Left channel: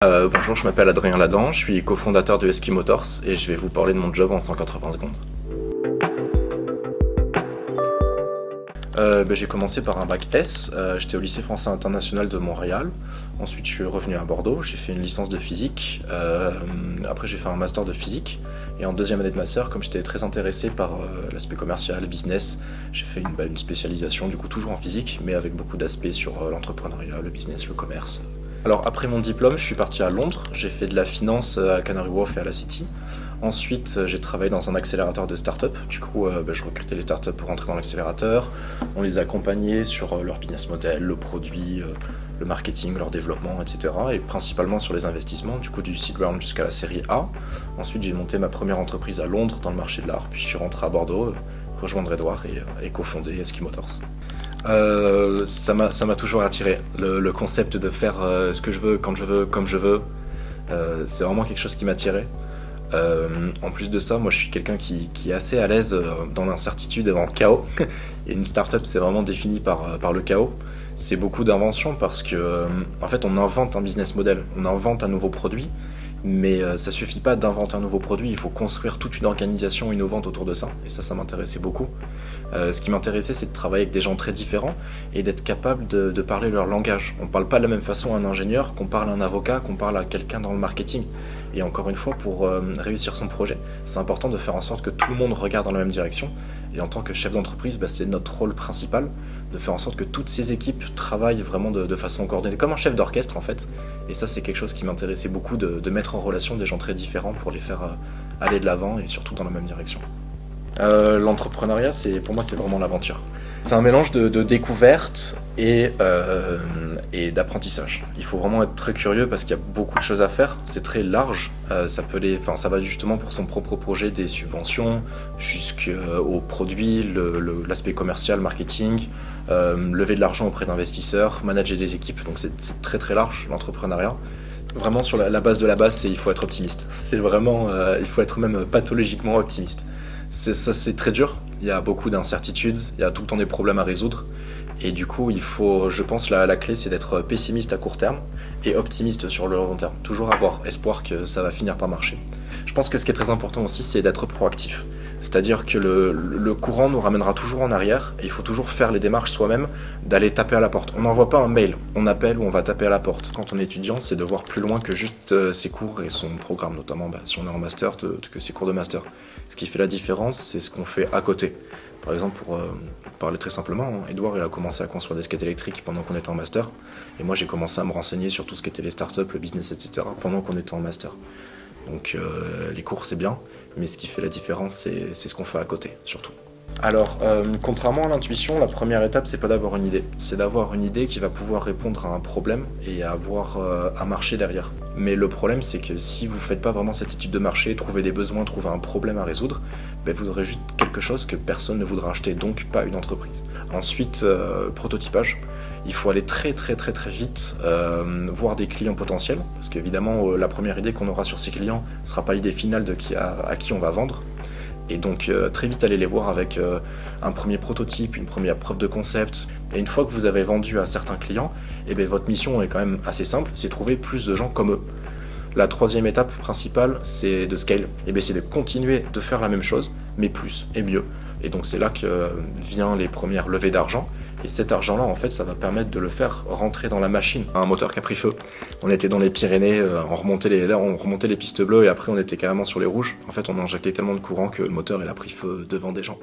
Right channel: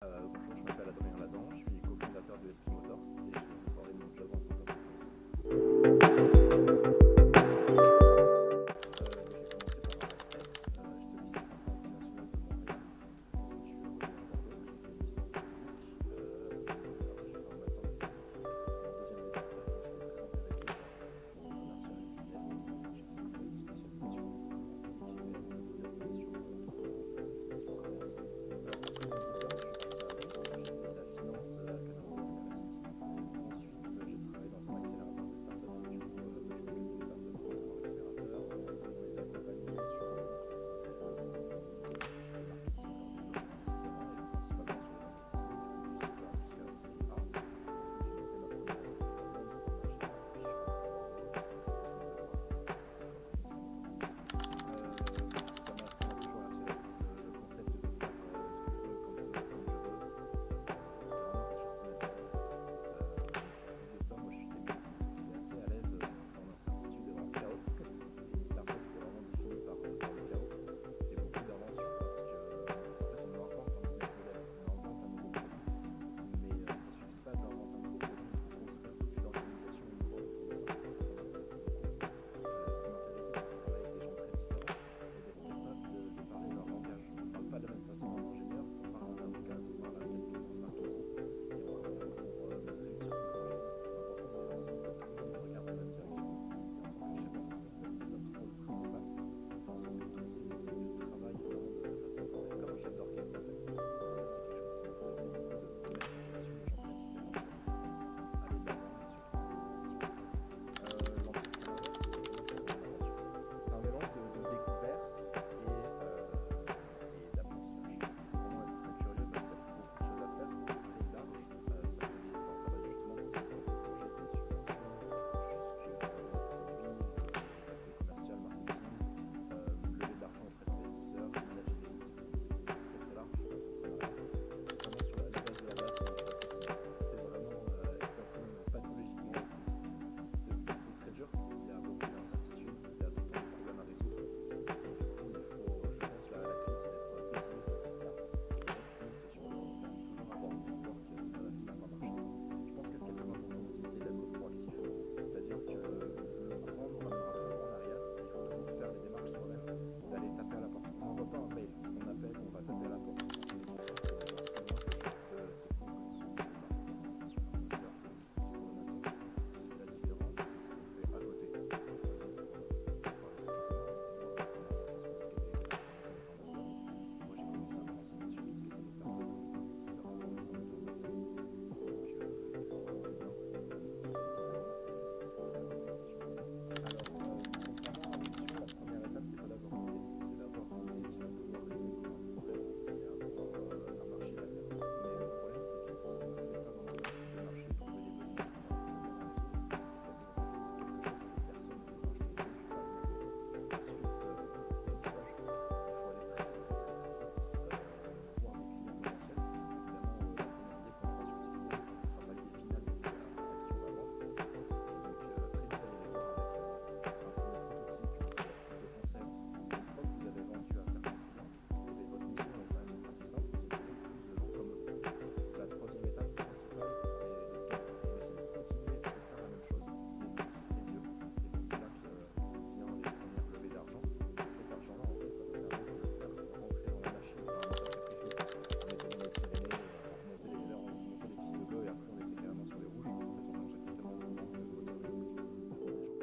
Bonjour, je m'appelle Adrien Ladan, je suis cofondateur de SQ Motors et je vais vous parler de mon job en 180 secondes. J'ai commencé par un bac S, j'étais au lycée français international de Montréal. Ensuite je suis revenu à Bordeaux, j'ai fait une licence de physique, après j'ai fait un master de physique. Et en deuxième année de master, comme j'étais très intéressé par l'aspect commercial, business, j'ai fait une spécialisation du coup toujours en physique, mais avec beaucoup d'aspects sur l'entrepreneuriat, le business, le commerce. Alors après mon diplôme, je suis parti à Londres, j'ai fait de la finance à Canary Wharf et à la City. Ensuite, j'ai travaillé dans un accélérateur de start-up. Du coup, je recrutais les start-up pour rentrer dans l'accélérateur. On les accompagnait sur leur business model, le produit, le marketing, leur développement, etc. Et principalement sur les investissements, du coup du seed round jusqu'à la série A. Ensuite, j'ai monté ma première entreprise à Londres dans le marché de l'art. Puis je suis rentré à Bordeaux, rejoindre Edouard et cofonder SQ Motors. Ça m'a toujours attiré, le concept de faire ce que je veux, quand je veux, comme je veux. C'est vraiment quelque chose qui m'attirait. En plus de ça, moi je suis quelqu'un qui est assez à l'aise dans l'incertitude et dans le chaos. Et une startup, c'est vraiment défini par le chaos. C'est beaucoup d'invention parce que, en fait, on invente un business model, on invente un nouveau produit, mais ça suffit pas d'inventer un nouveau produit, il faut construire toute une organisation innovante autour de ça. Et ça m'intéressait beaucoup. Ce qui m'intéressait, c'est de travailler avec des gens très différents et d'être capable de parler leur langage. On ne parle pas de la même façon à un ingénieur qu'on parle à un avocat, qu'on parle à quelqu'un dans le marketing. Et encore une fois, pour réussir son projet, c'est important de faire en sorte que tout le monde regarde dans la même direction. Et en tant que chef d'entreprise, c'est notre rôle principal de faire en sorte que toutes ces équipes travaillent vraiment de façon coordonnée, comme un chef d'orchestre en fait. Et ça, c'est quelque chose qui m'intéressait beaucoup, de mettre en relation des gens très différents pour les faire aller de l'avant et surtout dans la même direction. L'entrepreneuriat, pour moi, c'est vraiment l'aventure. C'est un mélange de découverte et d'apprentissage. Il faut vraiment être très curieux parce qu'il y a beaucoup de choses à faire. C'est très large. Ça va justement pour son propre projet des subventions jusqu'aux produits, l'aspect commercial, marketing, lever de l'argent auprès d'investisseurs, manager des équipes. Donc c'est très très large l'entrepreneuriat. Vraiment sur la base de la base, il faut être optimiste. C'est vraiment, il faut être même pathologiquement optimiste. C'est très dur, il y a beaucoup d'incertitudes, il y a tout le temps des problèmes à résoudre. Et du coup, je pense, la clé, c'est d'être pessimiste à court terme et optimiste sur le long terme. Toujours avoir espoir que ça va finir par marcher. Je pense que ce qui est très important aussi, c'est d'être proactif. C'est-à-dire que le courant nous ramènera toujours en arrière et il faut toujours faire les démarches soi-même, d'aller taper à la porte. On n'envoie pas un mail, on appelle ou on va taper à la porte. Quand on est étudiant, c'est de voir plus loin que juste ses cours et son programme, notamment si on est en master, que ses cours de master. Ce qui fait la différence, c'est ce qu'on fait à côté. Par exemple, pour parler très simplement, Edouard il a commencé à construire des skates électriques pendant qu'on était en master. Et moi j'ai commencé à me renseigner sur tout ce qui était les startups, le business, etc. pendant qu'on était en master. Donc les cours c'est bien, mais ce qui fait la différence c'est ce qu'on fait à côté, surtout. Alors, contrairement à l'intuition, la première étape, c'est pas d'avoir une idée. C'est d'avoir une idée qui va pouvoir répondre à un problème et avoir un marché derrière. Mais le problème, c'est que si vous faites pas vraiment cette étude de marché, trouver des besoins, trouver un problème à résoudre, vous aurez juste quelque chose que personne ne voudra acheter, donc pas une entreprise. Ensuite, prototypage. Il faut aller très très très très vite voir des clients potentiels, parce qu'évidemment, la première idée qu'on aura sur ces clients ne sera pas l'idée finale à qui on va vendre. Et donc très vite aller les voir avec un premier prototype, une première preuve de concept. Et une fois que vous avez vendu à certains clients, votre mission est quand même assez simple, c'est trouver plus de gens comme eux. La troisième étape principale, c'est de scale. C'est de continuer de faire la même chose, mais plus et mieux. Et donc c'est là que vient les premières levées d'argent. Et cet argent-là, en fait, ça va permettre de le faire rentrer dans la machine. Un moteur qui a pris feu. On était dans les Pyrénées, on remontait les pistes bleues et après on était carrément sur les rouges. En fait, on a injecté tellement de courant que le moteur il a pris feu devant des gens.